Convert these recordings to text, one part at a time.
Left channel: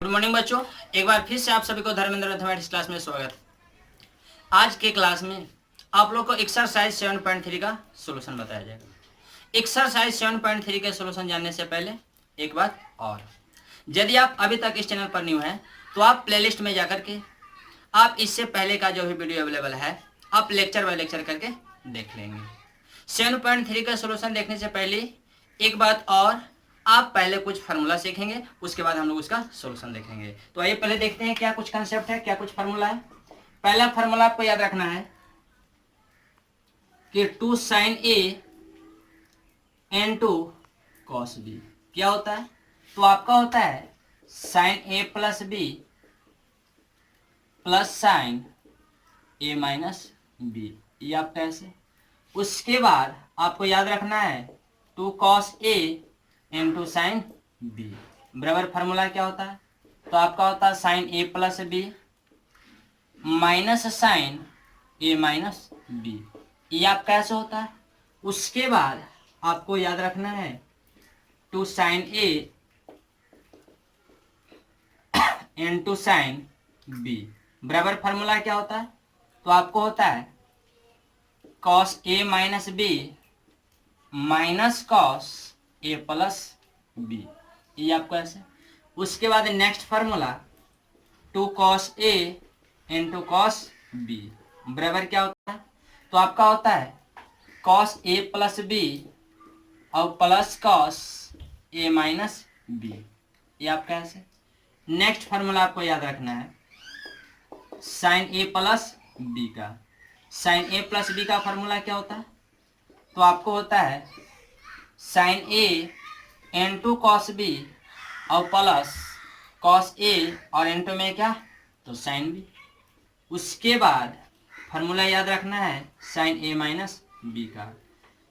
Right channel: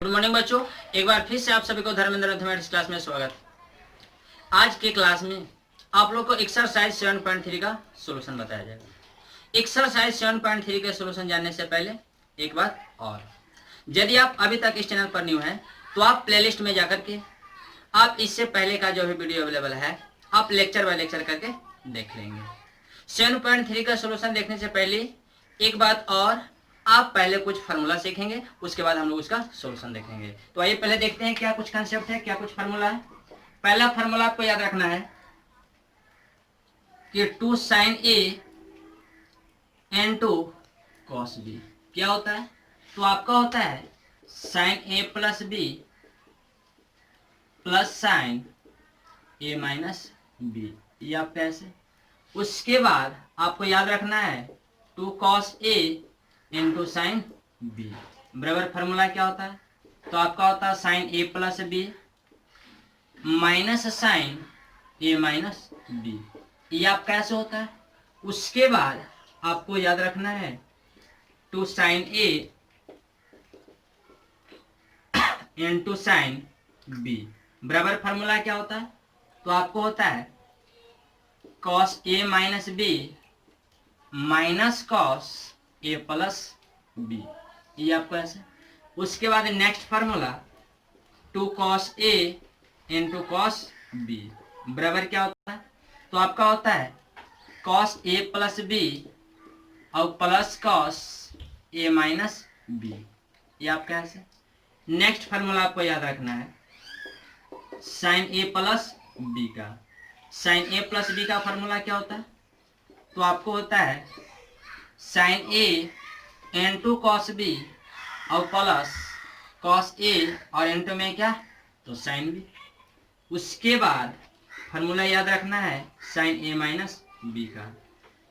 Good morning बच्चों, एक बार फिर से आप सभी को धर्मेंद्र मैथमेटिक्स क्लास में स्वागत। आज के क्लास में आप लोग को एक्सरसाइज 7.3 का सॉल्यूशन बताया जाएगा। एक्सरसाइज 7.3 के सॉल्यूशन जानने से पहले एक बात और, यदि आप अभी तक इस चैनल पर न्यू हैं तो आप प्लेलिस्ट में जाकर के आप इससे पहले का जो भी वीडियो अवेलेबल है आप लेक्चर बाय लेक्चर करके देख लेंगे। 7.3 का सॉल्यूशन देखने से पहले एक बात और, आप पहले कुछ फार्मूला सीखेंगे, उसके बाद हम लोग उसका सॉल्यूशन देखेंगे। तो आइए पहले देखते हैं क्या कुछ कंसेप्ट है, क्या कुछ फार्मूला है। पहला फार्मूला आपको याद रखना है कि 2 sin A n 2 cos B क्या होता है। तो आपका होता है sin A plus B plus sin A minus B, ये आपका ऐसे। उसके बाद आपको याद रखना है 2 cos A into sine B बराबर फार्मूला क्या होता है। तो आपका होता है sine A plus B minus sine A minus B, ये आपका ऐसे होता है। उसके बाद आपको याद रखना है 2 sine A into sine B बराबर फार्मूला क्या होता है। तो आपको होता है cos A minus B minus cos A plus B, ये आपको ऐसे। उसके बाद नेक्स्ट फार्मूला 2 cos ए इंटू कॉस बी बराबर क्या होता है। तो आपका होता है cos ए प्लस बी और प्लस cos ए माइनस बी, ये आपका ऐसे। नेक्स्ट फार्मूला आपको याद रखना है साइन ए प्लस बी का। साइन ए प्लस बी का फार्मूला क्या होता है। तो आपको होता है sine A into cos B और प्लस कॉस ए और इंटू में क्या तो साइन बी। उसके बाद फार्मूला याद रखना है साइन ए माइनस बी का।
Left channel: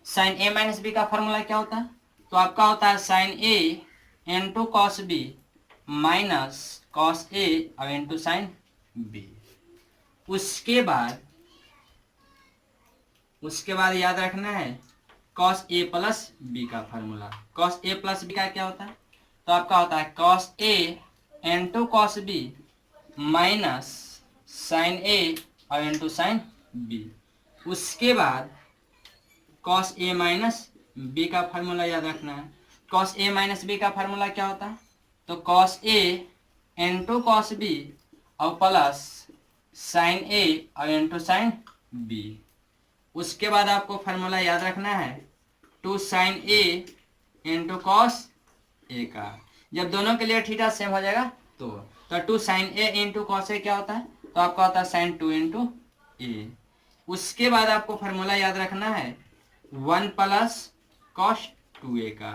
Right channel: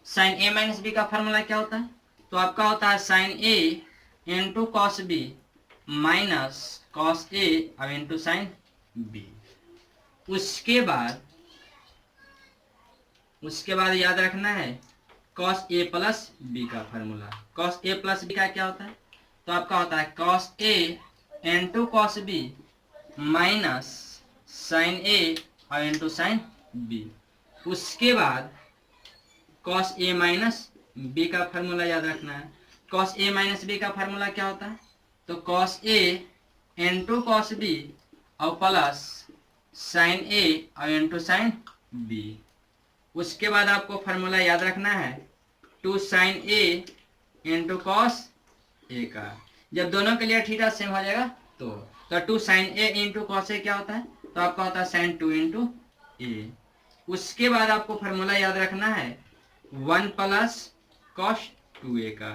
साइन ए माइनस बी का फार्मूला क्या होता है। तो आपका होता है sine A into cos B minus cos A और इंटू साइन बी। उसके बाद याद रखना है cos a प्लस बी का formula. cos a plus B का क्या होता है। तो आपका होता है cos a into cos B minus sine a और इंटू साइन बी। उसके बाद cos a माइनस बी का फार्मूला याद रखना है। cos a माइनस बी का फार्मूला क्या होता है। तो cos a into cos B और प्लस साइन a और इंटू साइन बी। उसके बाद आपको फार्मूला याद रखना है 2 sine A into cos A का। जब दोनों के लिए थीटा सेम हो जाएगा तो 2 साइन ए इंटू कॉस ए क्या होता है। तो आपका होता है साइन 2 इंटू ए। उसके बाद आपको फार्मूला याद रखना है 1 प्लस कॉस 2a का।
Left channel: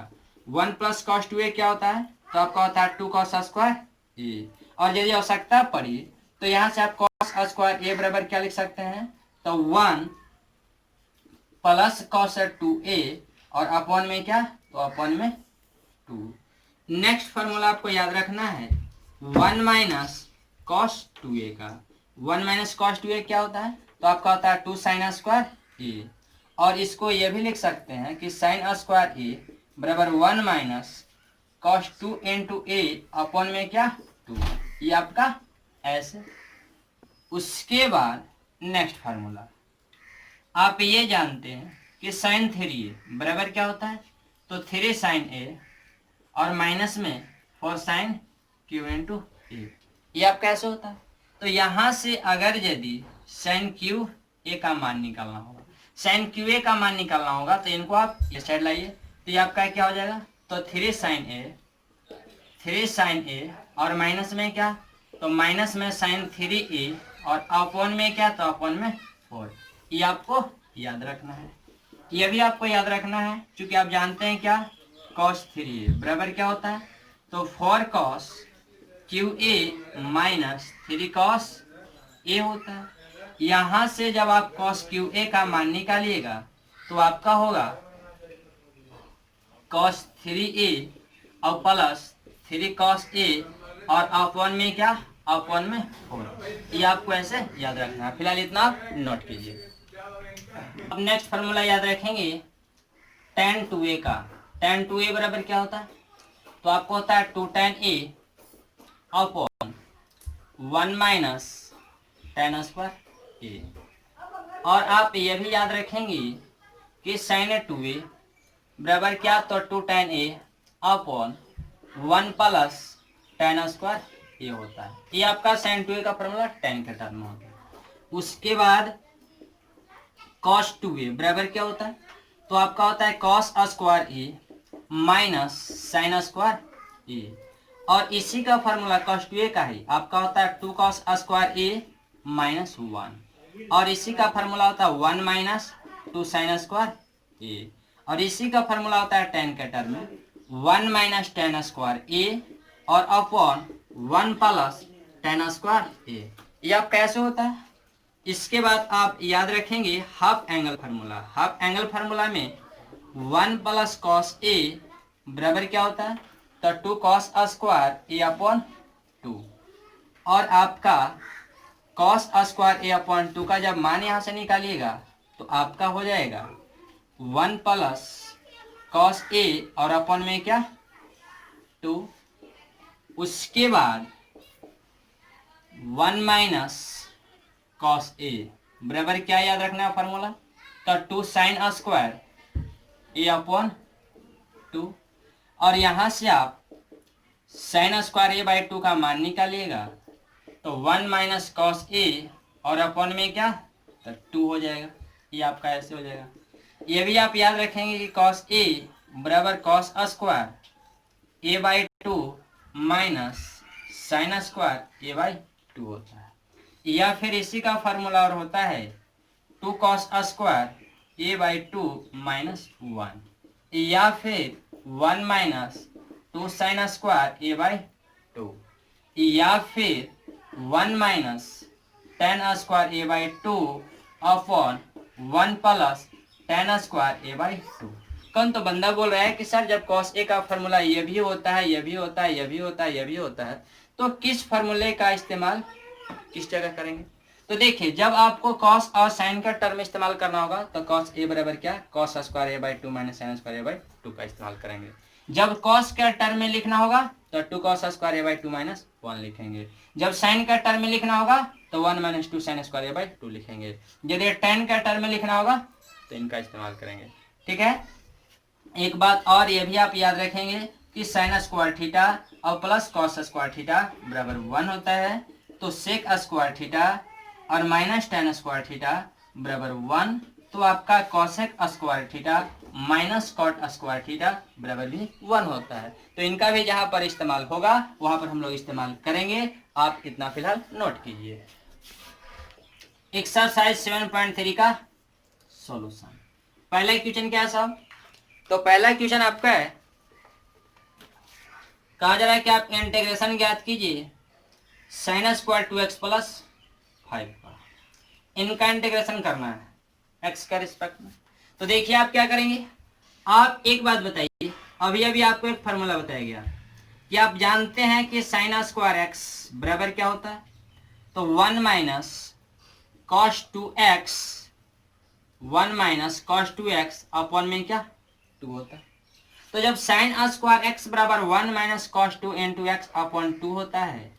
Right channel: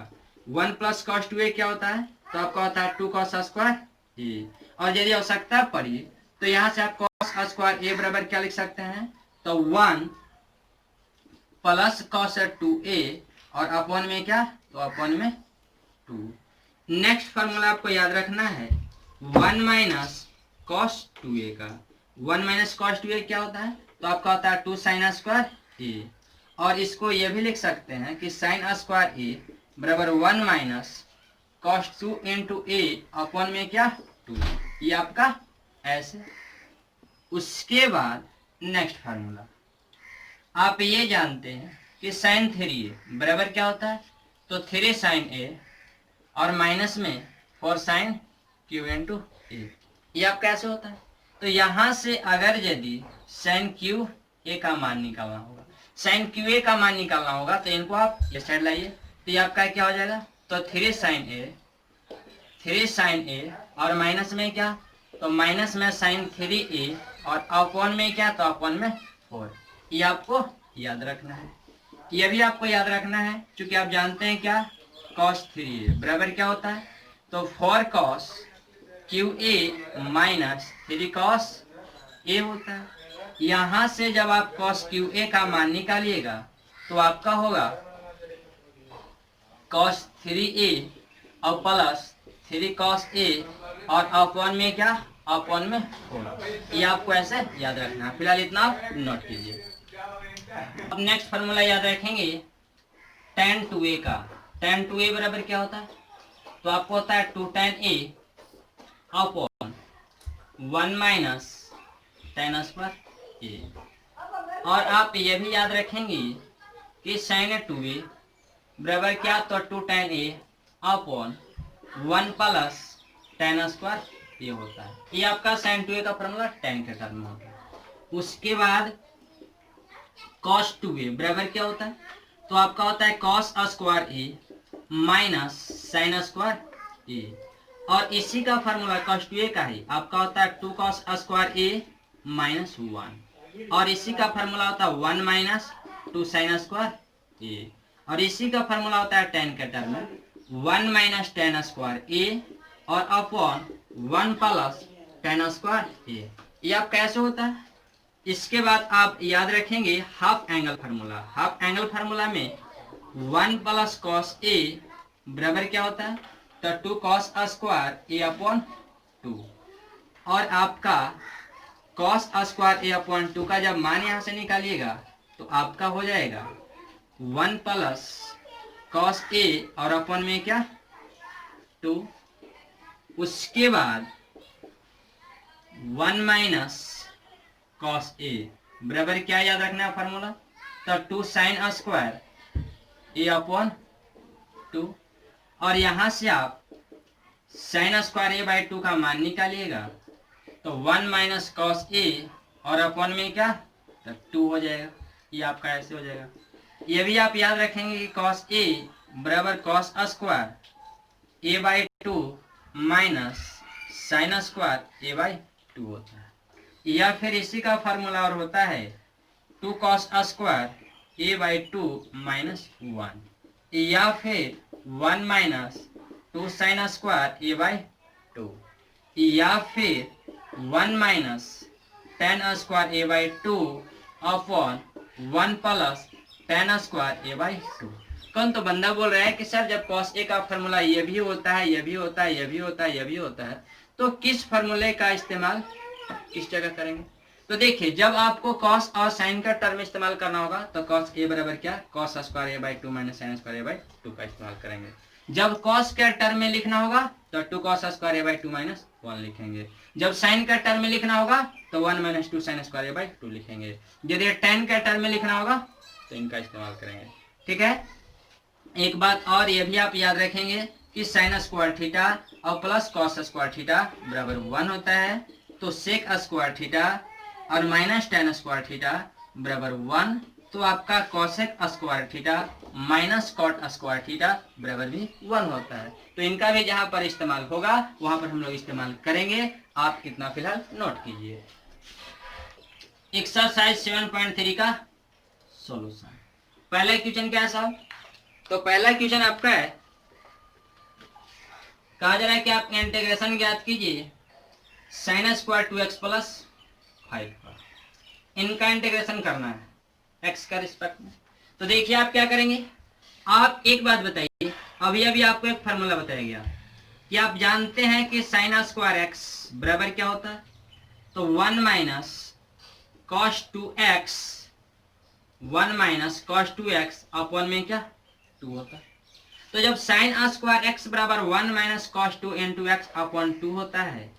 1 प्लस कॉस 2a क्या होता है। तो आपका होता है 2 कॉस स्क्वायर ए। और यदि आवश्यकता पड़ी तो यहाँ से आप कॉस स्क्वायर ए बराबर क्या लिख सकते हैं। तो 1 प्लस कॉस 2a और अपॉन में क्या तो अपॉन में 2। नेक्स्ट फार्मूला आपको याद रखना है 1 माइनस कॉस 2a का। 1 माइनस कॉस 2a क्या होता है। तो आपका होता है 2 साइन स्क्वायर ए। और इसको ये भी लिख सकते हैं कि साइन स्क्वायर ए बराबर 1 माइनस कॉस 2 इंटू ए अपॉन में क्या 2, ये आपका ऐसे। उसके बाद नेक्स्ट फार्मूला आप ये जानते हैं कि साइन 3a बराबर क्या होता है। तो 3 साइन ए और माइनस में 4 साइन क्यू इंटू ए, ये आपका ऐसे होता है। तो यहाँ से अगर यदि साइन क्यू ए का मान निकालना होगा, साइन क्यू ए का मान निकालना होगा तो इनको आप इस साइड लाइए। तो ये आपका क्या हो जाएगा। तो 3 साइन ए और माइनस में क्या तो माइनस में साइन 3a और अपॉन में क्या तो अपॉन में 4, ये आपको याद रखना है। ये भी आपको याद रखना है क्योंकि आप जानते हैं क्या cos 3a बराबर क्या होता है। तो 4 cos QA minus 3 cos A होता है। यहाँ से जब आप cos QA का मान निकालिएगा तो आपका होगा cos 3a और प्लस 3 cos A और अपॉन में क्या अपॉन में 4, ये आपको ऐसे याद रखना है। फिलहाल इतना आप नोट कीजिए। अब नेक्स्ट फार्मूला याद रखेंगे tan 2a का। tan 2a बराबर क्या होता है। तो आपको होता है 2 tan a upon 1 minus tan square A. और आप ये भी याद रखेंगे कि साइन 2a बराबर क्या, तो 2 tan a upon 1 plus tan square A होता है। ये आपका साइन 2a का फॉर्मूला tan के टर्म में होता है। उसके बाद cos 2a बराबर क्या होता है, तो आपका होता है cos square a minus sine square a। और इसी का फॉर्मूला cos 2a का ही आपका होता है 2 cos स्क्वायर a माइनस 1। और इसी का फॉर्मूला होता है 1 माइनस 2 साइन स्क्वायर a। और इसी का फॉर्मूला होता है tan के टर्म में 1 माइनस टेन स्क्वायर a और upon 1 plus tan square a। यह कैसे होता है, इसके बाद आप याद रखेंगे half angle formula. Half angle formula में 1 प्लस कॉस ए बराबर क्या होता है, तो 2 कॉस स्क्वायर ए अपॉन 2। और आपका कॉस स्क्वायर ए अपॉन 2 का जब मान यहां से निकालिएगा तो आपका हो जाएगा 1 प्लस कॉस ए और अपॉन में क्या 2। उसके बाद 1 माइनस cos a बराबर क्या याद रखना है फॉर्मूला, तो 2 साइन स्क्वायर ए अपॉन 2। और यहां से आप साइन स्क्वायर ए बाई 2 का मान निकालिएगा तो 1 माइनस cos a और अपॉन में क्या, तो 2 हो जाएगा। ये आपका ऐसे हो जाएगा। ये भी आप याद रखेंगे कि cos a बराबर cos square A by 2 minus sine square A by 2 होता है। या फिर इसी का फार्मूला और होता है 2 cos square A by 2 minus 1। या फिर 1 minus 2 sine square A by 2। या फिर 1 minus tan square A by 2 upon 1 plus tan square A by 2। कौन तो बंदा बोल रहा है कि सर जब cos a का फार्मूला ये भी होता है, ये भी होता है, ये भी होता है, ये भी होता है, तो किस फार्मूले का इस्तेमाल किस जगह करेंगे। तो देखिए जब आपको cos और sin का टर्म इस्तेमाल करना होगा तो cos a बराबर क्या, cos square a by 2 minus sine square a by 2 का इस्तेमाल करेंगे। जब cos के टर्म में लिखना होगा तो 2 cos square a by 2 minus 1 लिखेंगे। जब sin का टर्म में लिखना होगा तो 1 minus 2 sine square a by 2 लिखेंगे। यदि tan का टर्म में लिखना होगा तो इनका इस्तेमाल करेंगे। ठीक है। एक बात और ये भी आप याद रखेंगे कि साइन स्क्वायर थीटा और प्लस कॉस स्क्वायर थीटा बराबर 1 होता है, तो सेक स्क्वायर थीटा और माइनस टेन स्क्वायर थीटा बराबर 1। तो आपका cosec square theta minus cot square theta बराबर भी 1 होता है। तो इनका भी जहां पर इस्तेमाल होगा वहां पर हम लोग इस्तेमाल करेंगे। आप इतना फिलहाल नोट कीजिए। एक्सरसाइज 7.3 का सॉल्यूशन। पहला क्वेश्चन क्या है साहब, तो पहला क्वेश्चन आपका है, कहा जा रहा है कि आप इंटीग्रेशन ज्ञात कीजिए साइन स्क्वायर 2x प्लस 5 का। इनका इंटीग्रेशन करना है x के रिस्पेक्ट में। तो देखिए आप क्या करेंगे, आप एक बात बताइए, अभी अभी आपको एक फार्मूला बताया गया कि आप जानते हैं कि साइन स्क्वायर x बराबर क्या होता है, तो 1 minus cos 2x 1 minus cos 2x upon में क्या 2 होता है। तो जब साइन स्क्वायर x बराबर 1 minus cos 2 into x upon 2 होता है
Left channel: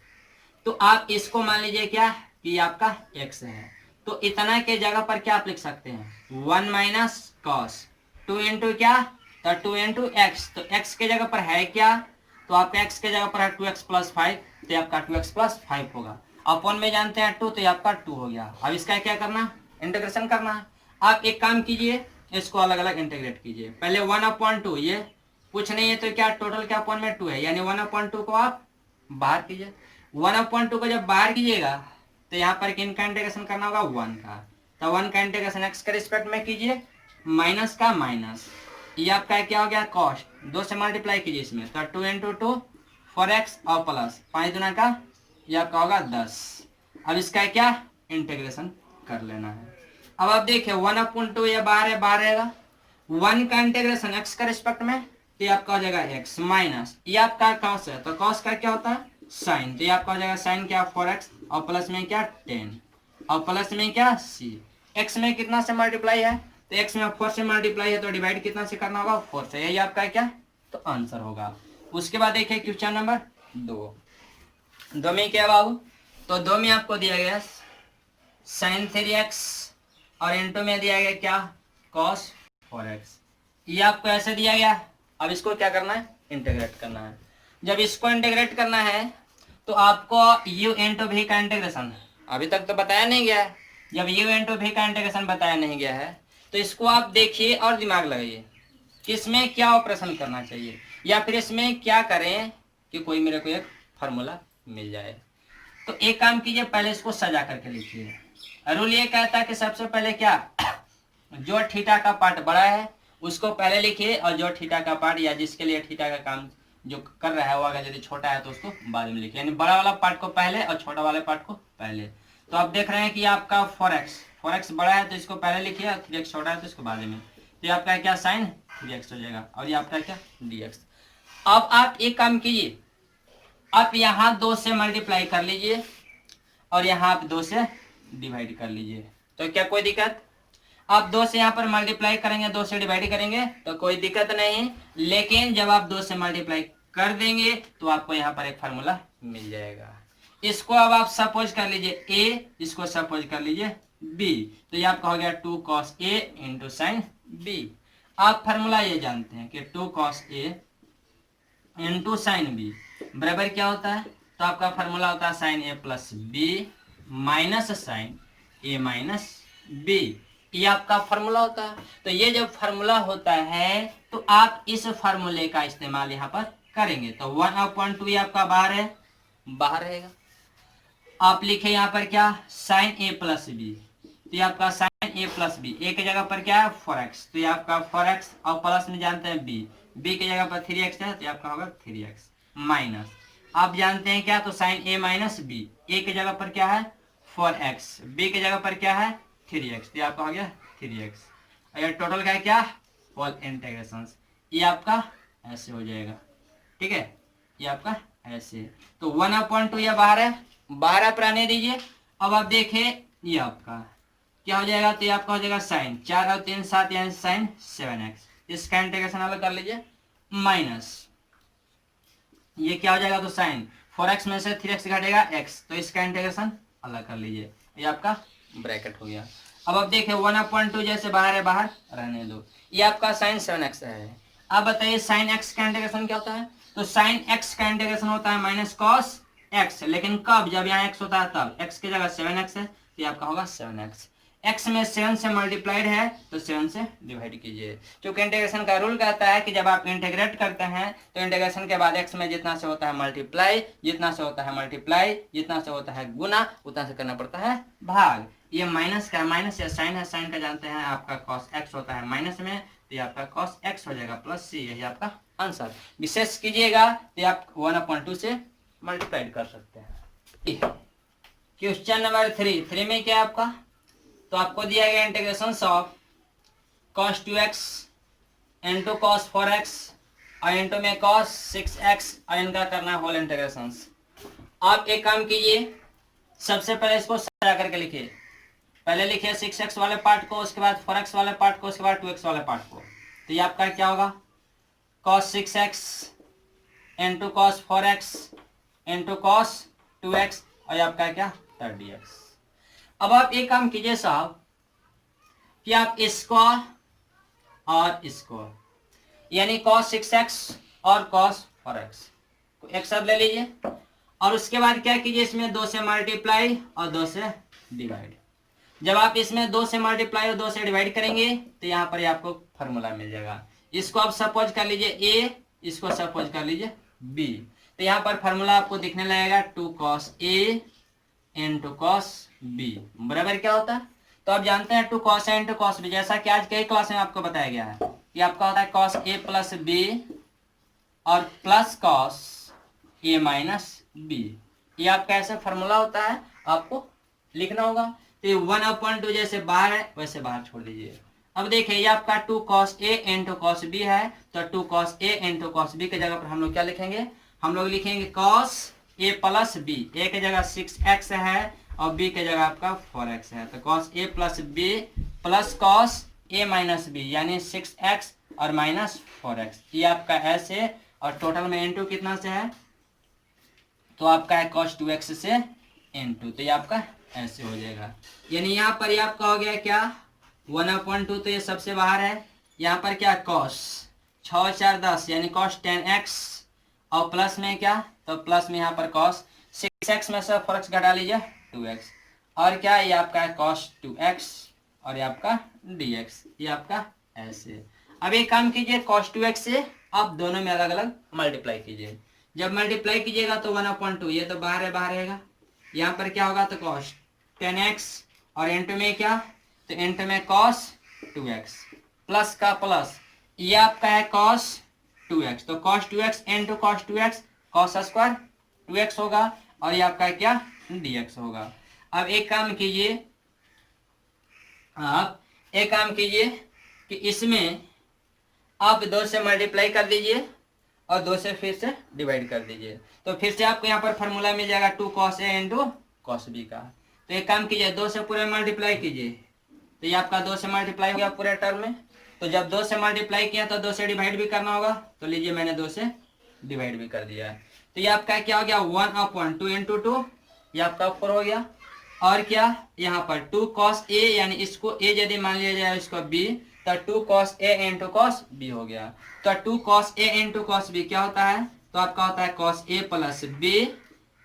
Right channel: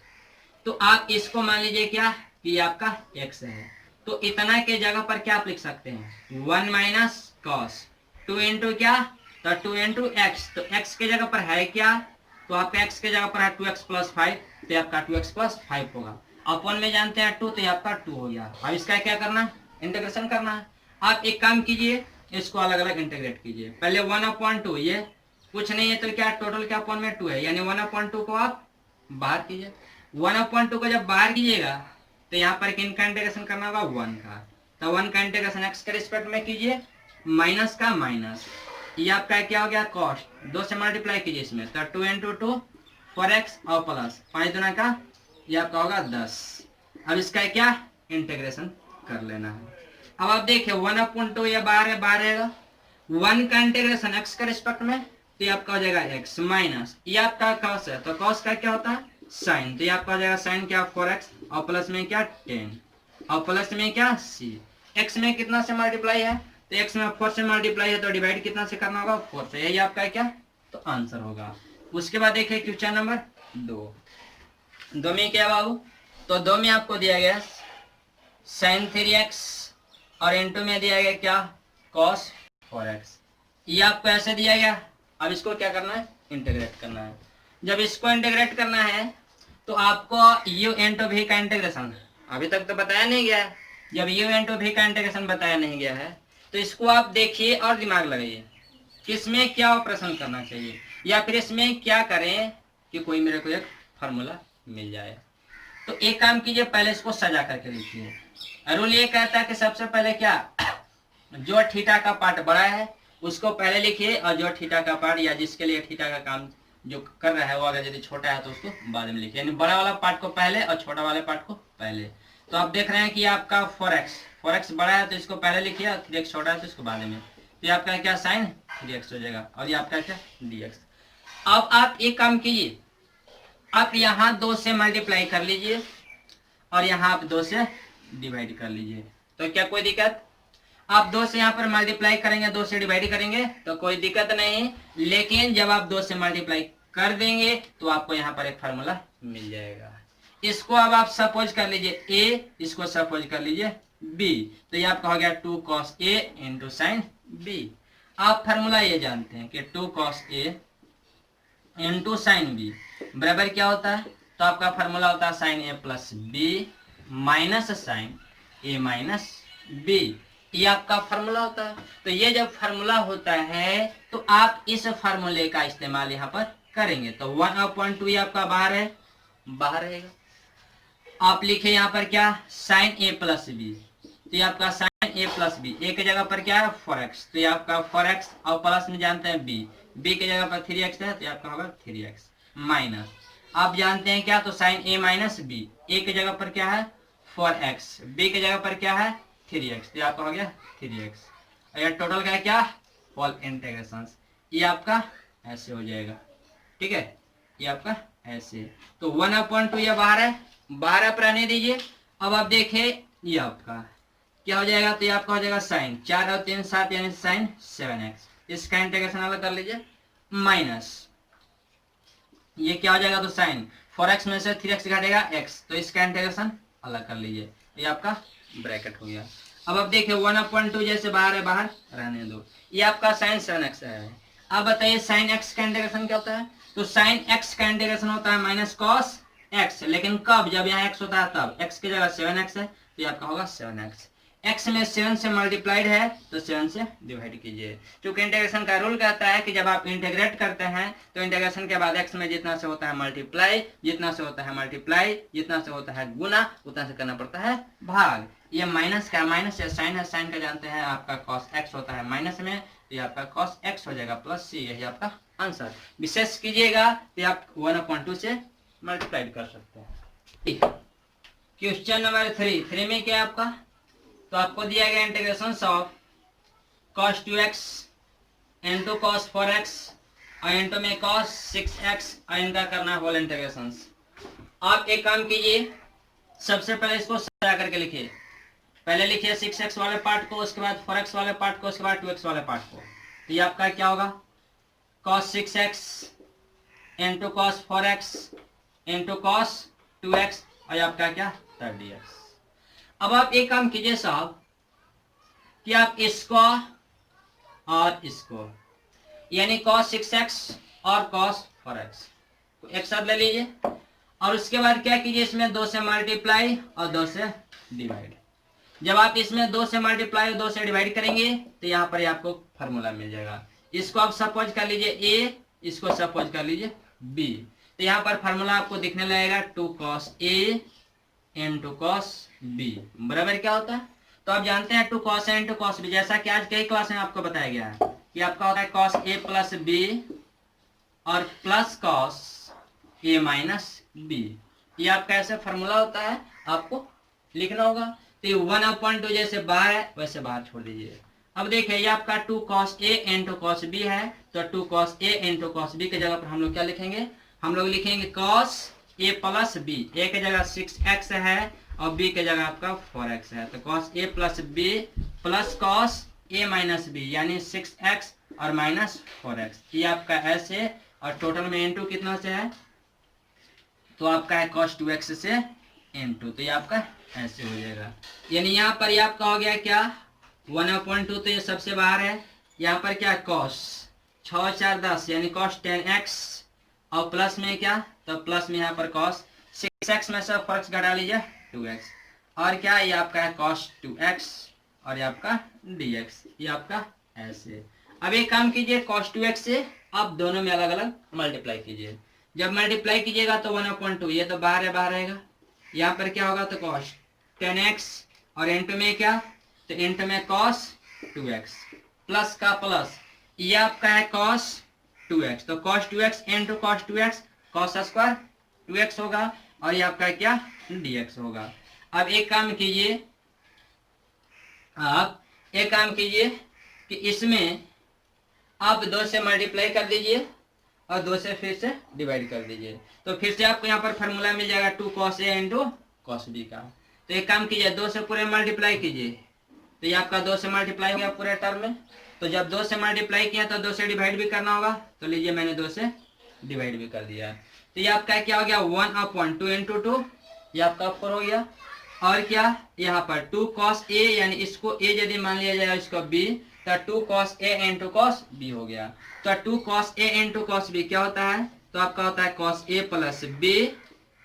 तो आप इसको मान लीजिए क्या कि आपका x है। तो इतना के जगह पर क्या आप लिख सकते हैं 1 माइनस कॉस 2 इंटू क्या, तो 2 इंटू एक्स। तो x के जगह पर है क्या, तो आपका x के जगह पर है 2x प्लस 5, तो आपका 2x प्लस 5 होगा। अपॉन में जानते हैं 2, तो आपका 2 हो गया। अब इसका क्या करना, इंटीग्रेशन करना है। आप एक काम कीजिए, इसको अलग अलग इंटीग्रेट कीजिए। पहले 1/2, ये कुछ नहीं है तो क्या टोटल क्या अपॉन में 2 है, यानी 1/2 को आप बाहर कीजिए। 1/2 को जब बाहर कीजिएगा तो यहाँ पर किन का इंटीग्रेशन करना होगा 1 का। तो 1 का इंटीग्रेशन x के रिस्पेक्ट में कीजिए, माइनस का माइनस, ये आपका क्या हो गया कॉस, 2 से मल्टीप्लाई कीजिए इसमें, तो 2 इंटू 2 4x और प्लस 5 दूना का ये आपका होगा 10। अब इसका क्या इंटीग्रेशन कर लेना है। अब आप देखिए 1/2 ये बाहर है, बाहर रहेगा। 1 का इंटीग्रेशन x के रिस्पेक्ट में, तो ये आपका हो जाएगा x माइनस, ये आपका कॉस है तो कॉस का क्या होता है साइन, तो ये आपका हो जाएगा साइन क्या 4x और प्लस में क्या 10 और प्लस में क्या c। x में कितना से मल्टीप्लाई है, तो x में 4 से मल्टीप्लाई है तो डिवाइड कितना से करना होगा 4 से, यही आपका क्या तो आंसर होगा। उसके बाद देखिए क्वेश्चन नंबर 2। दो में क्या बाबू, तो दो में आपको दिया गया sin 3x और इनटू में दिया गया क्या cos 4x। ये आपको ऐसे दिया गया। अब इसको क्या करना है, इंटीग्रेट करना है। जब इसको इंटीग्रेट करना है तो आपको u इंटू v का इंटीग्रेशन अभी तक तो बताया नहीं गया है। जब u इंटू v का इंटीग्रेशन बताया नहीं गया है तो इसको आप देखिए और दिमाग लगाइए कि इसमें क्या ऑपरेशन करना चाहिए, या फिर इसमें क्या करें कि कोई मेरे को एक फॉर्मूला मिल जाए। तो एक काम कीजिए, पहले इसको सजा करके लिखिए। रूल ये कहता है कि सबसे पहले क्या, जो थीटा का पार्ट बड़ा है उसको पहले लिखिए, और जो थीटा का पार्ट या जिसके लिए थीटा का काम जो कर रहा है वो अगर यदि छोटा है तो उसको बाद में लिखिए, यानी बड़ा वाला पार्ट को पहले और छोटा वाले पार्ट को पहले। तो आप देख रहे हैं कि आपका 4x बड़ा है तो इसको पहले लिखिए, और 3x छोटा है तो इसको बाद में। तो ये आपका क्या साइन 3x हो जाएगा, और ये आपका क्या dx। अब आप एक काम कीजिए, आप यहाँ 2 से मल्टीप्लाई कर लीजिए और यहाँ आप 2 से डिवाइड कर लीजिए। तो क्या कोई दिक्कत, आप 2 से यहाँ पर मल्टीप्लाई करेंगे, 2 से डिवाइड करेंगे तो कोई दिक्कत नहीं। लेकिन जब आप 2 से मल्टीप्लाई कर देंगे तो आपको यहाँ पर एक फार्मूला मिल जाएगा। इसको अब आप सपोज कर लीजिए a, इसको सपोज कर लीजिए b, तो ये आपका हो गया 2 cos a into sign b। आप फार्मूला ये जानते हैं कि 2 cos a into sign b बराबर क्या होता है, तो आपका फार्मूला होता है sine a plus b minus sine a minus b। ये आपका फार्मूला होता है। तो ये जब फार्मूला होता है तो आप इस फार्मूले का इस्तेमाल यहाँ पर करेंगे। तो 1/2 ये आपका बाहर है, बाहर रहेगा। आप लिखे यहाँ पर क्या साइन a प्लस b, तो ये आपका sine a plus b, a की जगह पर क्या है 4x, तो ये आपका 4x और प्लस में जानते हैं b की जगह पर 3x है तो ये आपका होगा 3x माइनस, आप जानते हैं क्या, तो sine a minus b, a की जगह पर क्या है 4x, b की जगह पर क्या है 3x, तो ये आपका हो गया 3x। और ये टोटल का है क्या होल इंटीग्रेशन, ये आपका ऐसे हो जाएगा, ठीक है, ये आपका ऐसे। तो 1/2 ये बाहर है, बाहर आप रहने दीजिए। अब आप देखें ये आपका क्या हो जाएगा, तो ये आपका हो जाएगा साइन 4 और 3 7 यानी साइन 7x, इसका इंटीग्रेशन अलग कर लीजिए माइनस ये क्या हो जाएगा, तो साइन 4x में से 3x घटेगा x, तो इसका इंटीग्रेशन अलग कर लीजिए, ये आपका ब्रैकेट हो गया। अब आप देखिए 1/2 जैसे बाहर है, बाहर रहने दो, ये आपका साइन 7x है। अब बताइए साइन x का इंटीग्रेशन क्या होता है, तो साइन x का इंटीग्रेशन होता है माइनस कॉस x, लेकिन कब, जब यहाँ x होता है तब, x की जगह 7x है तो ये आपका होगा 7x, x में 7 से मल्टीप्लाइड है तो 7 से डिवाइड कीजिए। क्योंकि इंटीग्रेशन का रूल कहता है कि जब आप इंटीग्रेट करते हैं तो इंटीग्रेशन के बाद x में जितना से होता है मल्टीप्लाई, जितना से होता है मल्टीप्लाई, जितना से होता है गुना, उतना से करना पड़ता है भाग। ये माइनस का माइनस या साइन है, साइन का जानते हैं आपका कॉस x होता है माइनस में, तो ये आपका कॉस x हो जाएगा प्लस c, यही आपका आंसर। विशेष कीजिएगा तो आप 1/2 से मल्टीप्लाई कर सकते हैं। क्वेश्चन नंबर 3 में क्या है आपका, तो आपको दिया गया integration of cos 2x into cos 4x और इंटू में cos 6x और इनका करना है होल इंटीग्रेशन। आप एक काम कीजिए, सबसे पहले इसको सजा करके लिखिए, पहले लिखिए 6x वाले पार्ट को, उसके बाद 4x वाले पार्ट को, उसके बाद 2x वाले पार्ट को। तो ये आपका क्या होगा cos 6x into cos 4x into cos 2x और ये आपका क्या 30x। अब आप एक काम कीजिए साहब कि आप इसको और इसको यानी cos 6x और cos 4x को एक साथ ले लीजिए, और उसके बाद क्या कीजिए, इसमें 2 से मल्टीप्लाई और 2 से डिवाइड। जब आप इसमें 2 से मल्टीप्लाई और 2 से डिवाइड करेंगे तो यहाँ पर आपको फार्मूला मिल जाएगा। इसको आप सपोज कर लीजिए a, इसको सपोज कर लीजिए b, तो यहाँ पर फार्मूला आपको दिखने लगेगा 2 cos a into cos b बराबर क्या होता है, तो आप जानते हैं 2 cos a into cos b, जैसा कि आज कई क्लास में आपको बताया गया है कि आपका होता है cos a प्लस b और plus cos a minus b। ये आपका ऐसे फार्मूला होता है, आपको लिखना होगा। तो 1/2 जैसे बाहर है वैसे बाहर छोड़ दीजिए। अब देखिए ये आपका 2 cos a into cos b है, तो 2 cos a into cos b की जगह पर हम लोग क्या लिखेंगे, हम लोग लिखेंगे cos a plus b, a की जगह 6x है और b की जगह आपका 4x है, तो cos a plus b plus cos a minus b यानी 6x और माइनस 4x, ये आपका ऐसे, और टोटल में इंटू कितना से है तो आपका है cos 2x से into, तो ये आपका ऐसे हो जाएगा। यानी यहाँ पर ये आपका हो गया क्या 1/2, तो ये सबसे बाहर है। यहाँ पर क्या cos 6 4 10 यानी cos 10x, और प्लस में क्या, तो प्लस में यहाँ पर cos 6x में से फर्क घटा लीजिए 2x, और क्या ये आपका है cos 2x, और ये आपका dx, ये आपका ऐसे। अब एक काम कीजिए cos 2x से आप दोनों में अलग अलग मल्टीप्लाई कीजिए। जब मल्टीप्लाई कीजिएगा तो 1/2, ये तो बाहर है, बाहर रहेगा। यहाँ पर क्या होगा, तो cos 10x, और इंटू में क्या, तो इंटू में cos 2x, प्लस का प्लस, ये आपका है cos 2x, तो cos 2x into cos 2x cos square 2x होगा, और ये आपका क्या dx होगा। अब एक काम कीजिए, आप एक काम कीजिए कि इसमें आप 2 से मल्टीप्लाई कर दीजिए और 2 से फिर से डिवाइड कर दीजिए, तो फिर से आपको यहाँ पर फार्मूला मिल जाएगा 2 cos a into cos b का। तो एक काम कीजिए 2 से पूरे मल्टीप्लाई कीजिए, तो ये आपका 2 से मल्टीप्लाई हो गया पूरे टर्म में। तो जब 2 से मल्टीप्लाई किया तो 2 से डिवाइड भी करना होगा, तो लीजिए मैंने 2 से डिवाइड भी कर दिया। तो ये आपका क्या हो गया 1/2 इंटू 2, ये आपका 4 हो गया। और क्या यहाँ पर 2 cos a, यानी इसको a यदि मान लिया जाए इसको b, तो 2 cos a into cos b हो गया। तो 2 cos a into cos b क्या होता है, तो आपका होता है cos a प्लस b,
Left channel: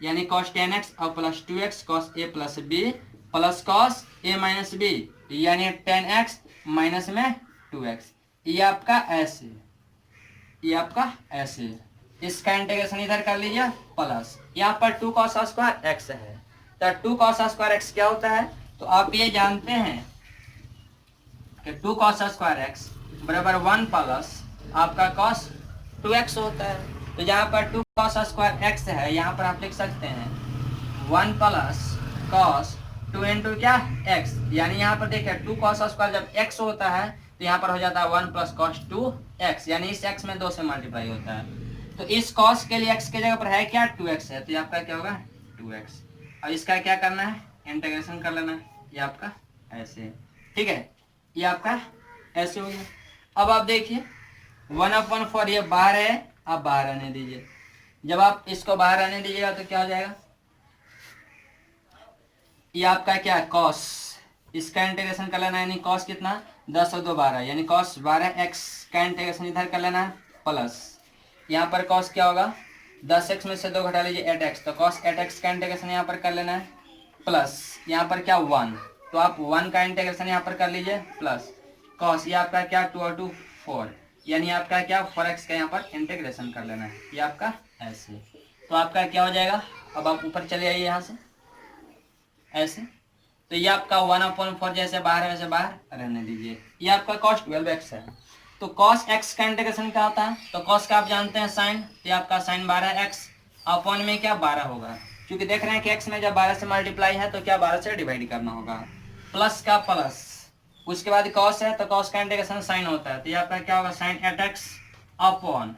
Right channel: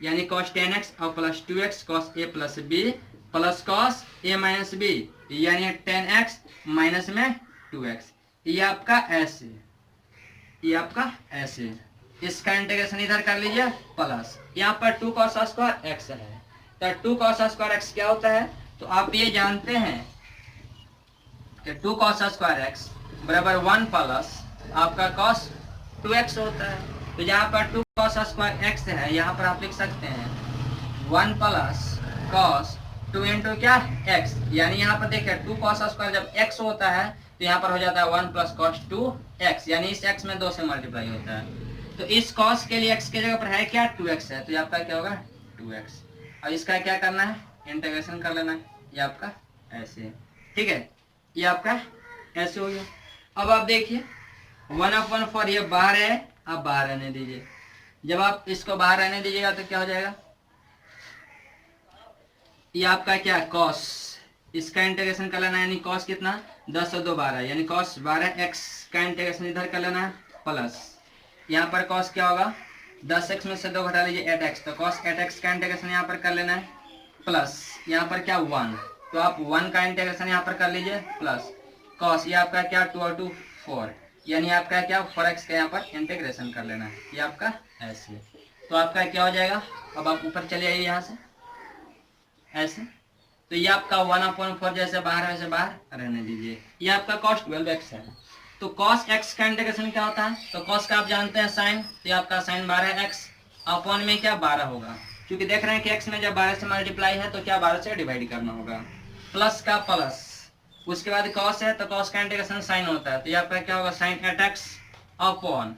यानी cos 10x और plus 2x cos a plus b plus cos a minus b, यानी 10x माइनस में 2x, ये आपका ऐसे, ये आपका ऐसे। इसका इंटीग्रेशन इधर कर लीजिए प्लस, यहाँ पर 2 cos स्क्वायर x है, तो 2 cos स्क्वायर x क्या होता है, तो आप ये जानते हैं कि 2 cos स्क्वायर x बराबर 1 प्लस आपका cos 2x होता है। तो जहाँ पर 2 cos स्क्वायर x है, यहाँ पर आप लिख सकते हैं 1 प्लस cos 2 इंटू क्या x, यानी यहाँ पर देखिए 2 cos स्क्वायर जब x होता है तो यहाँ पर हो जाता है 1 प्लस cos 2x, यानी इस x में 2 से मल्टीप्लाई होता है। तो इस cos के लिए x की जगह पर है क्या 2x है, तो ये आपका क्या होगा 2x, और इसका क्या करना है इंटीग्रेशन कर लेना है, ये आपका ऐसे, ठीक है, ये आपका ऐसे हो गया। अब आप देखिए 1/4 ये बाहर है, आप बाहर रहने दीजिए। जब आप इसको बाहर रहने दीजिएगा तो क्या हो जाएगा, ये आपका क्या cos, इसका इंटीग्रेशन कर लेना है, यानी cos कितना 10 और 2 12, यानी cos 12x का इंटीग्रेशन इधर कर लेना है प्लस, यहाँ पर cos क्या होगा 10x में से 2 घटा लीजिए 8x, तो cos 8x का इंटीग्रेशन यहाँ पर कर लेना है प्लस, यहाँ पर क्या 1, तो आप 1 का इंटीग्रेशन यहाँ पर कर लीजिए प्लस cos, ये आपका क्या 2 और 2 4, यानी आपका क्या 4x का यहाँ पर इंटीग्रेशन कर लेना है, ये आपका ऐसे। तो आपका क्या हो जाएगा, अब आप ऊपर चले आइए यहाँ से ऐसे, तो ये आपका 1/4 जैसे बाहर है वैसे बाहर रहने दीजिए। ये आपका cos 12x है, तो cos x का इंटीग्रेशन क्या होता है, तो cos का आप जानते हैं साइन, तो आपका साइन 12x अपॉन में क्या 12 होगा, क्योंकि देख रहे हैं कि x में जब 12 से मल्टीप्लाई है तो क्या 12 से डिवाइड करना होगा, प्लस का प्लस, उसके बाद cos है तो cos का इंटीग्रेशन साइन होता है, तो ये आपका क्या होगा साइन 8x अपॉन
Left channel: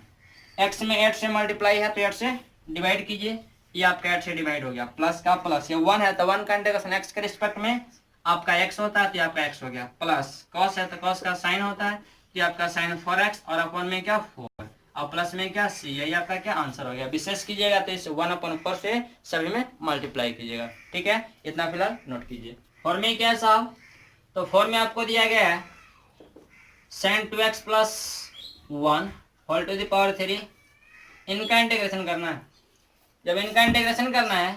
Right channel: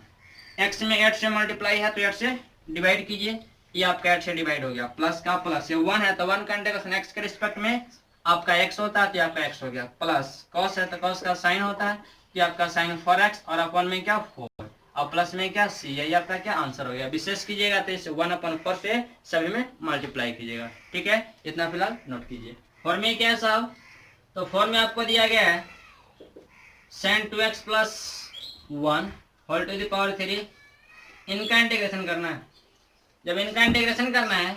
x में 8 से मल्टीप्लाई है तो 8 से डिवाइड कीजिए, ये आपका 8 से डिवाइड हो गया, प्लस का प्लस, ये 1 है तो 1 का इंटीग्रेशन x के रिस्पेक्ट में आपका x होता है, तो ये आपका x हो गया, प्लस cos है तो cos का साइन होता है, तो आपका साइन 4x और अपॉन में क्या 4 और प्लस में क्या c, यही आपका क्या आंसर हो गया। विशेष कीजिएगा तो इस 1/4 से सभी में मल्टीप्लाई कीजिएगा, ठीक है, इतना फिलहाल नोट कीजिए। 4 में क्या है साहब, तो 4 में आपको दिया गया है sin 2x plus 1 whole to the power 3, इनका इंटीग्रेशन करना है। जब इनका इंटीग्रेशन करना है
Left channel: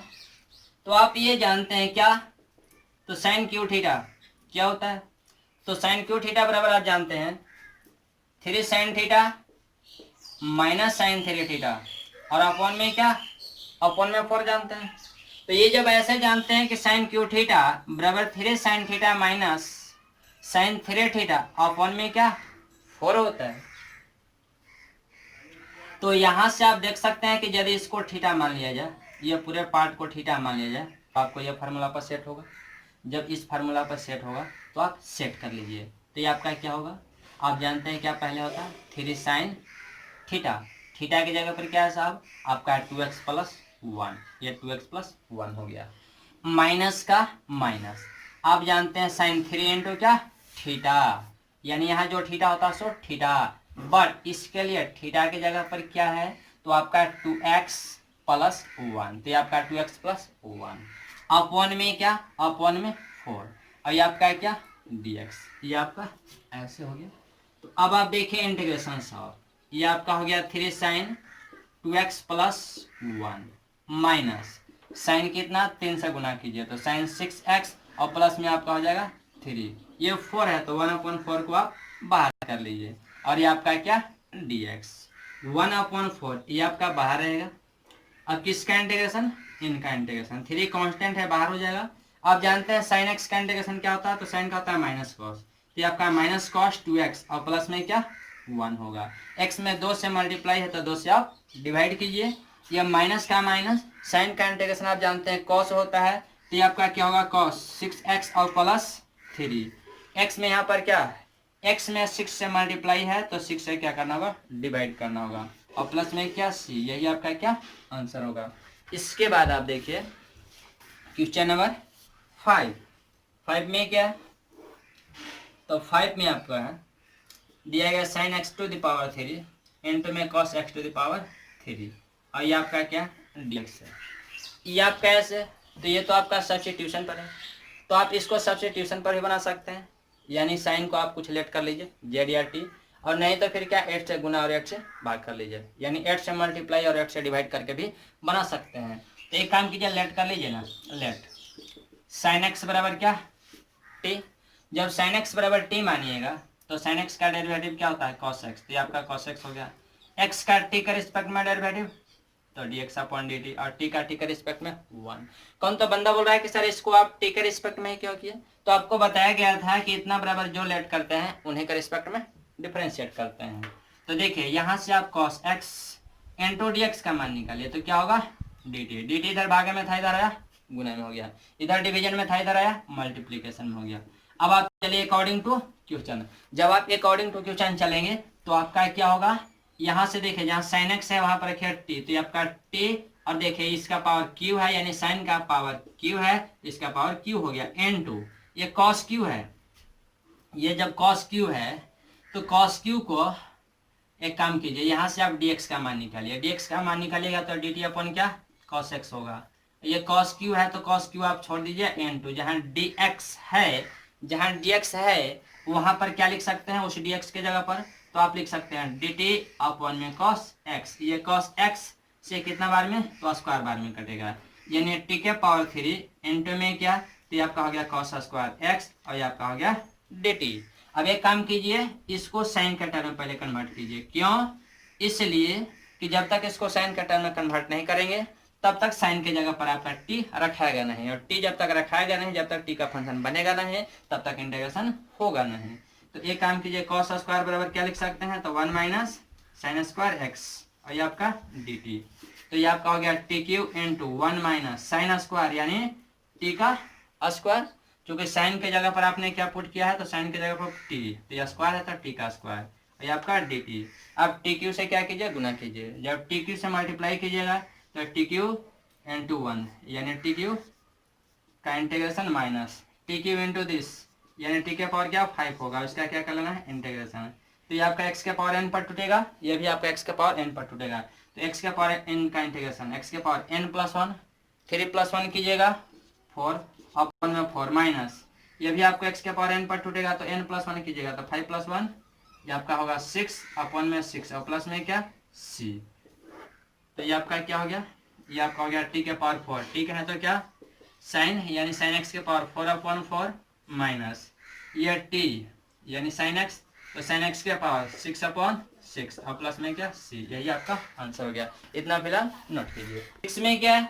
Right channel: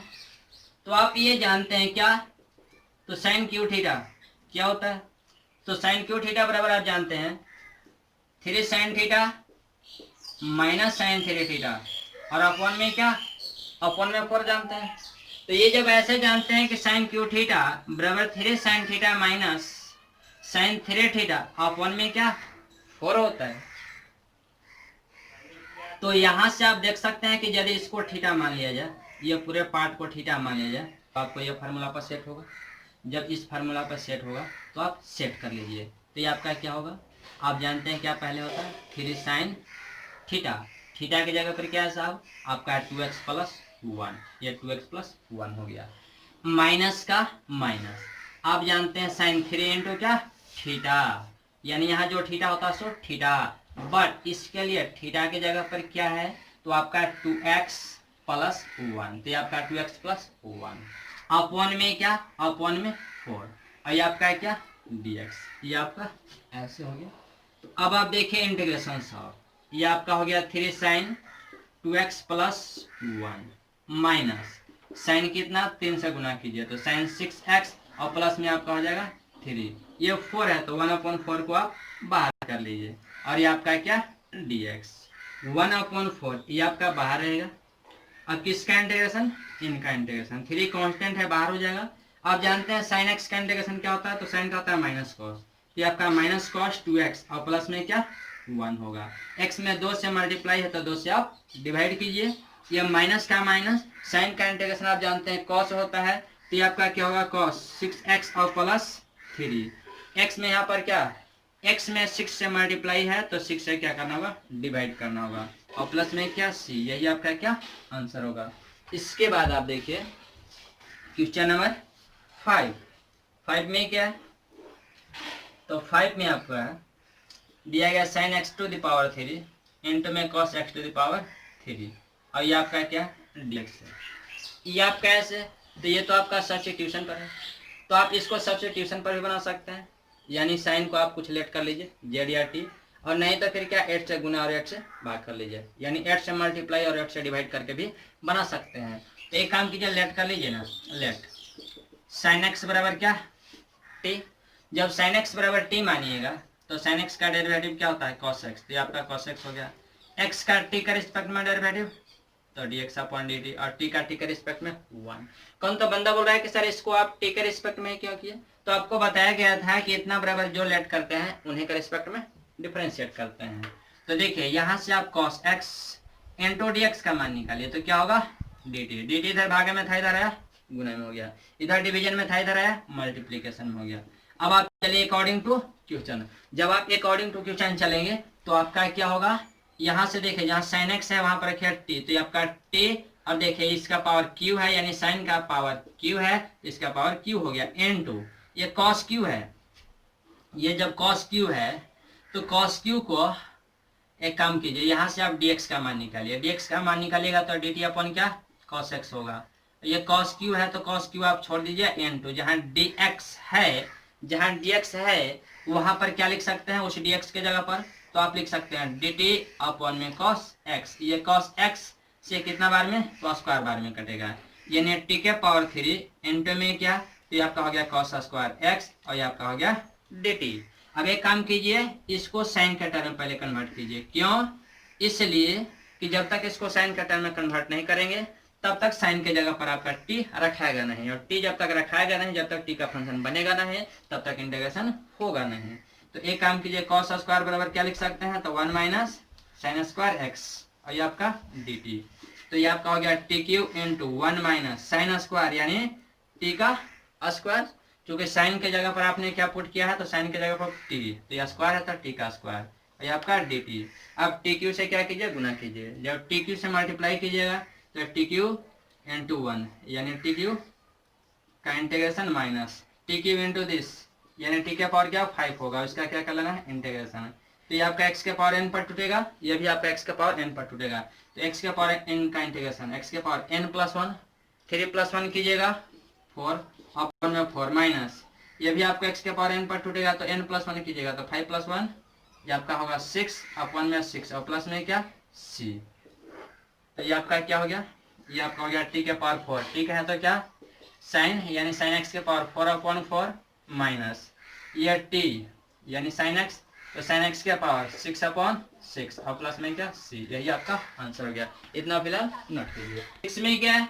तो आप ये जानते हैं क्या, तो साइन क्यू थीटा क्या होता है, तो साइन क्यू थीटा बराबर आप जानते हैं 3 sin थीटा माइनस साइन 3 थीटा, और अपॉन में क्या, अपॉन में 4 जानते हैं। तो ये जब ऐसे जानते हैं कि साइन क्यू थीटा बराबर 3 sin थीटा माइनस साइन 3 थीटा अपॉन में क्या 4 होता है, तो यहां से आप देख सकते हैं कि यदि इसको थीटा मान लिया जाए, ये पूरे पार्ट को थीटा मान लिया जाए, आपको ये फार्मूला पर सेट होगा। जब इस फार्मूला पर सेट होगा तो आप सेट कर लीजिए, तो ये आपका क्या होगा, आप जानते हैं क्या पहले होता है 3 sin थीटा, थीटा की जगह पर क्या है साहब आपका 2x प्लस 1, ये 2x प्लस 1 हो गया, माइनस का माइनस, आप जानते हैं साइन 3 इंटू क्या थीटा, यानी यहाँ जो थीटा होता है सो थीटा, बट इसके लिए थीटा की जगह पर क्या है, तो आपका 2x प्लस 1, तो ये आपका 2x प्लस 1 अपॉन में क्या, अपॉन में 4, और ये आपका है क्या dx, ये आपका ऐसे हो गया। तो अब आप देखिए इंटीग्रेशन ऑफ, ये आपका हो गया 3 sign 2x plus 1 minus sign कितना 3 से गुना कीजिए तो साइन 6x और प्लस में आपका हो जाएगा 3, ये 4 है तो 1/4 को आप बाहर कर लीजिए, और ये आपका क्या dx 1/4 ये आपका बाहर रहेगा। अब किसका इंटीग्रेशन, इनका इंटीग्रेशन, 3 कांस्टेंट है बाहर हो जाएगा। आप जानते हैं साइन एक्स का इंटीग्रेशन क्या होता है, तो साइन का होता है माइनस कॉस, ये आपका माइनस कॉस 2x और प्लस में क्या 1 होगा। x में 2 से मल्टीप्लाई है तो 2 से आप डिवाइड कीजिए, ये माइनस का माइनस, साइन का इंटीग्रेशन आप जानते हैं कॉस होता है, तो ये आपका क्या होगा कॉस 6x और प्लस 3, x में यहाँ पर क्या x में 6 से मल्टीप्लाई है तो 6 से क्या करना होगा डिवाइड करना होगा, और प्लस में क्या c, यही आपका क्या आंसर होगा। इसके बाद आप देखिए क्वेश्चन नंबर 5 में क्या है, तो 5 में आपका दिया गया sine x to the power 3 into में cos x to the power 3, और ये आपका क्या dx है, ये आपका ऐसे, तो ये तो आपका सब्स्टिट्यूशन पर है, तो आप इसको सब्स्टिट्यूशन पर भी बना सकते हैं, यानी साइन को आप कुछ लेट कर लीजिए जेड या टी, और नहीं तो फिर क्या 8 से गुना और 8 से भाग कर लीजिए, यानी 8 से मल्टीप्लाई और 8 से डिवाइड करके भी बना सकते हैं। तो एक काम कीजिए लेट कर लीजिए ना, लेट साइन एक्स बराबर क्या टी, जब साइन एक्स बराबर टी मानिएगा तो साइन एक्स का डेरिवेटिव क्या होता है कॉस एक्स, तो ये आपका कॉस एक्स हो गया, एक्स का टी का रिस्पेक्ट में डेरिवेटिव तो dx अपॉन dt, और t का t के रिस्पेक्ट में 1। कौन तो बंदा बोल रहा है कि सर इसको आप t के रिस्पेक्ट में क्यों किए, तो आपको बताया गया था कि इतना बराबर जो लेट करते हैं उन्हीं के रिस्पेक्ट में डिफरेंशिएट करते हैं। तो देखिए यहाँ से आप cos x इंटू dx का मान निकालिए तो क्या होगा dt इधर भागे में था इधर आया गुना में हो गया, इधर डिवीजन में था इधर आया मल्टीप्लीकेशन में हो गया। अब आप चलिए अकॉर्डिंग टू क्वेश्चन, जब आप अकॉर्डिंग टू क्वेश्चन चलेंगे तो आपका क्या होगा, यहाँ से देखिए जहाँ साइन एक्स है वहां पर रखिए टी, तो ये आपका टी, अब देखिए इसका पावर क्यू है यानी साइन का पावर क्यू है, इसका पावर क्यू हो गया एन टू, ये कॉस क्यू है, ये जब कॉस क्यू है तो कॉस क्यू को एक काम कीजिए यहाँ से आप dx का मान निकालिए, dx का मान निकालिएगा तो dt अपन क्या cos x होगा, ये cos q है तो cos q आप छोड़ दीजिए एन टू, जहाँ dx है, जहाँ dx है वहां पर क्या लिख सकते हैं उस dx के जगह पर, तो आप लिख सकते हैं dt अपॉन में cos x, ये cos x से कितना बार में cos स्क्वायर बार में कटेगा, यानी t के पावर 3 इंटू में क्या, तो आपका हो गया cos स्क्वायर x और ये आपका हो गया dt। अब एक काम कीजिए इसको साइन के टर्म में पहले कन्वर्ट कीजिए, क्यों, इसलिए कि जब तक इसको साइन के टर्म में कन्वर्ट नहीं करेंगे तब तक साइन के जगह पर आपका टी रखाएगा नहीं, और टी जब तक रखाएगा नहीं, जब तक टी का फंक्शन बनेगा नहीं तब तक इंटीग्रेशन होगा नहीं। तो एक काम कीजिए cos स्क्वायर बराबर क्या लिख सकते हैं, तो 1 माइनस साइन स्क्वायर एक्स और ये आपका डी टी, तो ये आपका हो गया T Q into 1 minus sine square यानी टी का स्क्वायर, क्योंकि साइन के जगह पर आपने क्या पुट किया है तो साइन के जगह पर टी, तो ये स्क्वायर है तो टी का स्क्वायर और ये आपका डी टी। अब टी क्यू से क्या कीजिए गुना कीजिए, जब टी क्यू से मल्टीप्लाई कीजिएगा तो टी क्यू इंटू 1 यानी टी क्यू का integration minus T Q into this यानी टी के पावर क्या 5 होगा, उसका क्या कर लेना है इंटीग्रेशन, तो ये आपका x के पावर n पर टूटेगा, ये भी आपका x के पावर n पर टूटेगा, तो x के पावर n का इंटीग्रेशन x के पावर n प्लस 1 3 प्लस 1 कीजिएगा 4 अपन में 4 माइनस ये भी आपको x के पावर n पर टूटेगा तो n प्लस 1 कीजिएगा तो 5 प्लस 1 ये आपका होगा 6 अपन में 6 और प्लस में क्या c, तो ये आपका क्या हो गया, ये आपका हो गया t के पावर 4, ठीक है तो क्या साइन यानी साइन x के पावर 4/4 माइनस ये t यानी साइन x तो साइन x के पावर 6/6 और प्लस में क्या c, यही आपका आंसर हो गया। इतना फिलहाल नोट कीजिए। 6 में क्या है,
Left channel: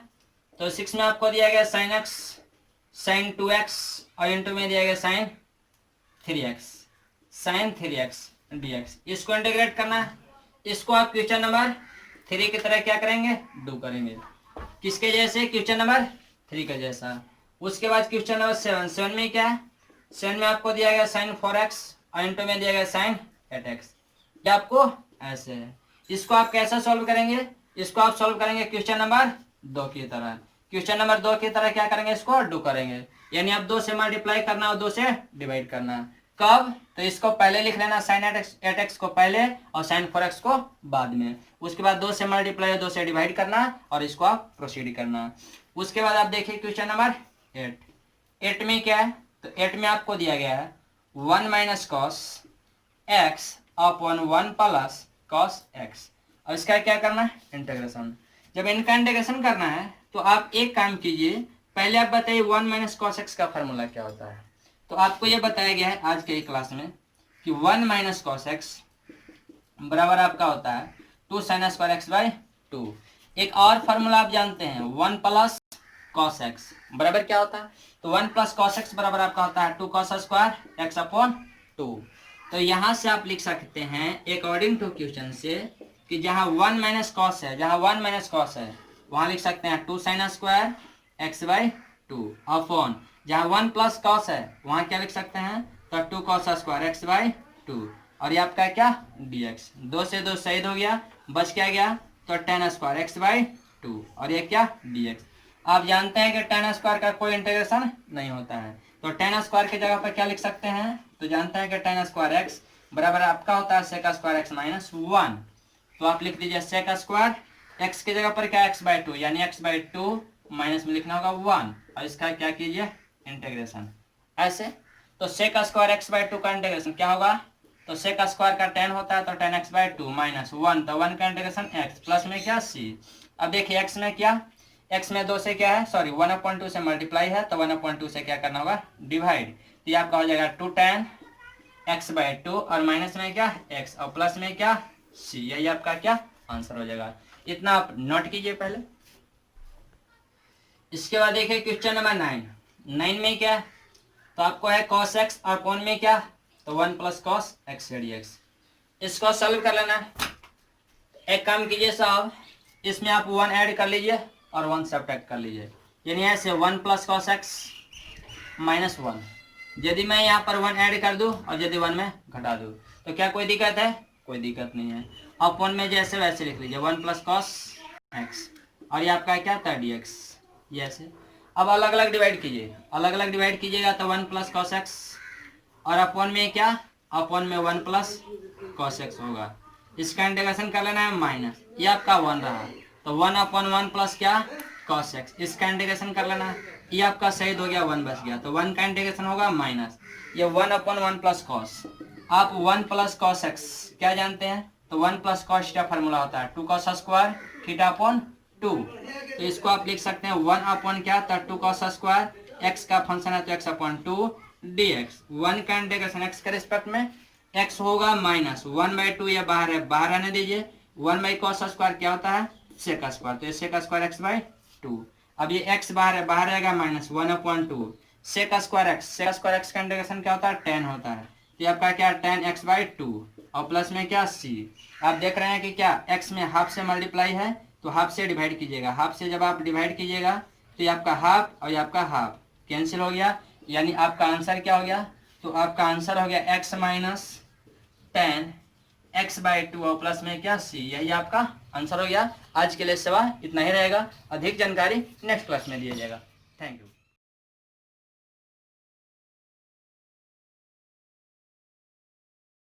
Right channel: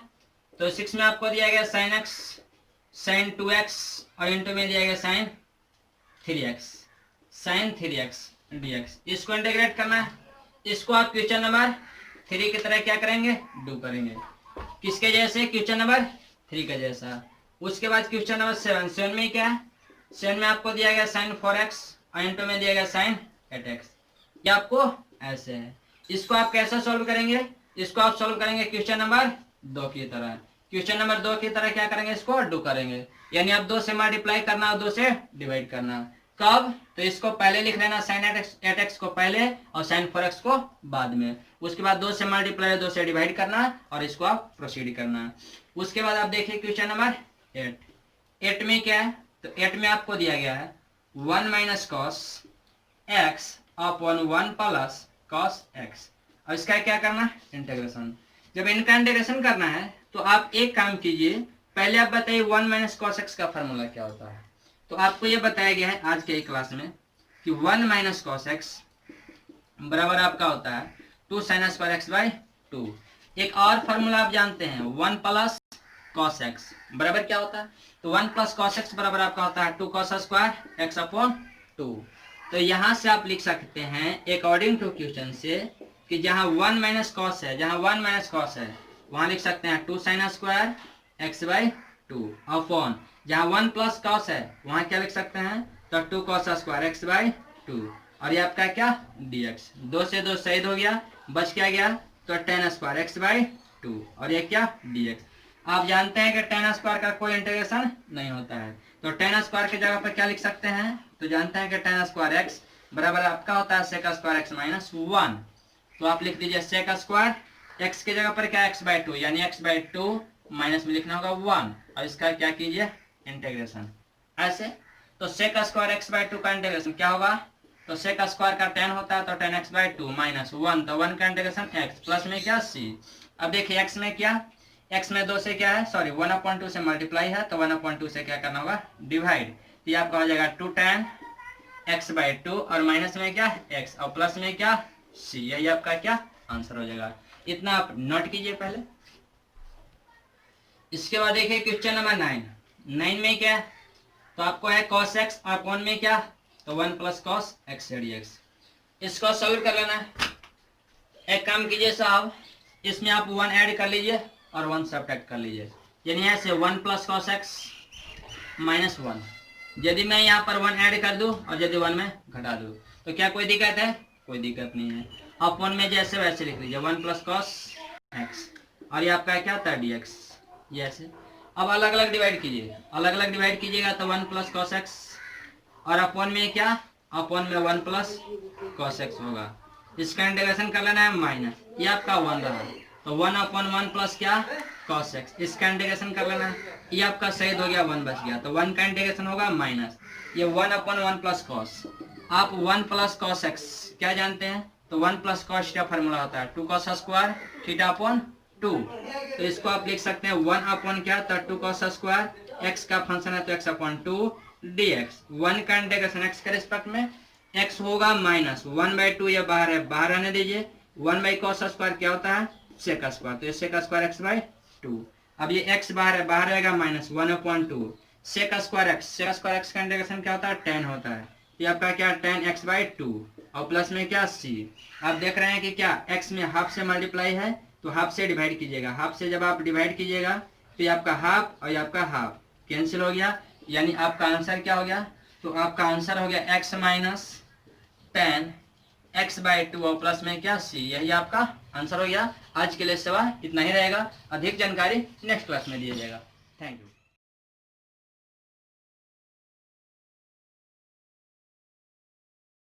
तो 6 में आपको दिया गया साइन x साइन 2x और इंटू में दिया गया साइन 3x dx, इसको इंटीग्रेट करना है, इसको आप क्वेश्चन नंबर 3 की तरह क्या करेंगे डू करेंगे, किसके जैसे क्वेश्चन नंबर 3 के जैसा। उसके बाद क्वेश्चन नंबर 7 में क्या है, 7 में आपको दिया गया साइन 4x और इंटू में दिया गया साइन 8x, ये आपको ऐसे है, इसको आप कैसे सॉल्व करेंगे, इसको आप सॉल्व करेंगे क्वेश्चन नंबर 2 की तरह, क्वेश्चन नंबर 2 की तरह क्या करेंगे इसको डू करेंगे, यानी आप 2 से मल्टीप्लाई करना और 2 से डिवाइड करना, कब? तो इसको पहले लिख लेना, साइन 8x को पहले और साइन 4x को बाद में। उसके बाद 2 से मल्टीप्लाई 2 से डिवाइड करना और इसको आप प्रोसीड करना। उसके बाद आप देखिए क्वेश्चन नंबर 8 में क्या है? तो 8 में आपको दिया गया है 1 minus cos x upon 1 plus cos x, और इसका क्या करना है? इंटीग्रेशन। जब इनका इंटीग्रेशन करना है तो आप एक काम कीजिए, पहले आप बताइए 1 माइनस कॉस एक्स का फॉर्मूला क्या होता है। तो आपको ये बताया गया है आज के क्लास में कि 1 माइनस कॉस एक्स बराबर आपका होता है 2 साइन स्क्वायर एक्स बाई 2। एक और फॉर्मूला आप जानते हैं 1 प्लस कॉस एक्स बराबर क्या होता है? तो 1 प्लस कॉस एक्स बराबर आपका होता है 2 कॉस स्क्वायर एक्स अपॉन 2। तो यहाँ से आप लिख सकते हैं अकॉर्डिंग टू क्वेश्चन से कि जहाँ 1 माइनस कॉस है, जहाँ 1 माइनस कॉस है वहाँ लिख सकते हैं 2 sine square x by 2 upon जहाँ 1 प्लस कॉस है वहाँ क्या लिख सकते हैं? तो 2 कॉस स्क्वायर एक्स बाई 2, और ये आपका क्या? dx। 2 से 2 शहीद हो गया, बच क्या गया? तो tan स्क्वायर एक्स बाई 2, और ये क्या? dx। आप जानते हैं कि tan स्क्वायर का कोई इंटीग्रेशन नहीं होता है, तो tan स्क्वायर की जगह पर क्या लिख सकते हैं? तो जानते हैं कि tan स्क्वायर एक्स बराबर आपका होता है सेक स्क्वायर एक्स माइनस 1। तो आप लिख दीजिए सेक स्क्वायर एक्स की जगह पर क्या? एक्स बाई 2, यानी एक्स बाई 2 माइनस में लिखना होगा 1, और इसका क्या कीजिए? इंटीग्रेशन। ऐसे तो सेक स्क्वायर एक्स बाई 2 का इंटीग्रेशन क्या होगा? तो सेक स्क्वायर का tan होता है तो tan एक्स बाई 2 माइनस 1, तो 1 का इंटीग्रेशन x प्लस में क्या? c। अब देखिए x में क्या? x में 2 से क्या है? सॉरी 1/2 से मल्टीप्लाई है, तो 1/2 से क्या करना होगा? डिवाइड। तो ये आपका हो जाएगा 2 tan एक्स बाई 2, और माइनस में क्या? x, और प्लस में क्या? c। यही आपका क्या आंसर हो जाएगा। इतना आप नोट कीजिए पहले। इसके बाद देखिए क्वेश्चन नंबर 9 में क्या? तो आपको है cos x और अपॉन में क्या? तो 1 प्लस कॉस एक्स dx। इसको सॉल्व कर लेना। एक काम कीजिए साहब, इसमें आप 1 ऐड कर लीजिए और 1 सब्ट्रैक्ट कर लीजिए, यानी ऐसे 1 प्लस कॉस एक्स माइनस 1। यदि मैं यहाँ पर 1 ऐड कर दूँ और यदि 1 में घटा दूँ तो क्या कोई दिक्कत है? कोई दिक्कत नहीं है। अपॉन में जैसे वैसे लिख लीजिए 1 प्लस कॉस एक्स, और ये आपका क्या था? dx। ये ऐसे अब अलग अलग डिवाइड कीजिए, अलग अलग डिवाइड कीजिएगा तो 1 प्लस कॉस एक्स, और अपॉन में क्या? अपॉन में 1 प्लस कॉस एक्स होगा। इसका इंटीग्रेशन कर लेना है माइनस, ये आपका 1 रहा, तो 1/1 प्लस क्या? Cos x. इसका इंटीग्रेशन कर लेना है, ये आपका शहीद हो गया, 1 बच गया, तो 1 का इंटीग्रेशन होगा माइनस ये 1/1 प्लस कॉस। आप 1 प्लस कॉस एक्स क्या जानते हैं? तो 1 प्लस कॉस थीटा फॉर्मूला होता है 2 कॉस स्क्वायर थीटा अपॉन 2। तो इसको आप लिख सकते हैं 1 अपॉन क्या? तो 2 कॉस स्क्वायर एक्स का फंक्शन है तो x अपॉन 2 dx। 1 का इंटीग्रेशन x के रिस्पेक्ट में x होगा माइनस 1/2, या बाहर है बाहर आने दीजिए। 1 बाई कॉस स्क्वायर क्या होता है? सेक स्क्वायर, तो ये सेक स्क्वायर एक्स बाई 2। अब ये x बाहर है बाहर आएगा minus 1/2 sec square x. Sec square x का इंटीग्रेशन क्या होता है? tan होता है, तो आपका क्या? tan x बाई 2, और प्लस में क्या? c। आप देख रहे हैं कि क्या x में हाफ से मल्टीप्लाई है तो हाफ से डिवाइड कीजिएगा। हाफ से जब आप डिवाइड कीजिएगा तो ये आपका हाफ और ये आपका हाफ कैंसिल हो गया, यानी आपका आंसर क्या हो गया? तो आपका आंसर हो गया x minus tan x by 2 और प्लस में क्या? c। यही आपका आंसर हो गया। आज के लिए सवाल इतना ही रहेगा, अधिक जानकारी नेक्स्ट क्लास में दिया जाएगा। Thank you.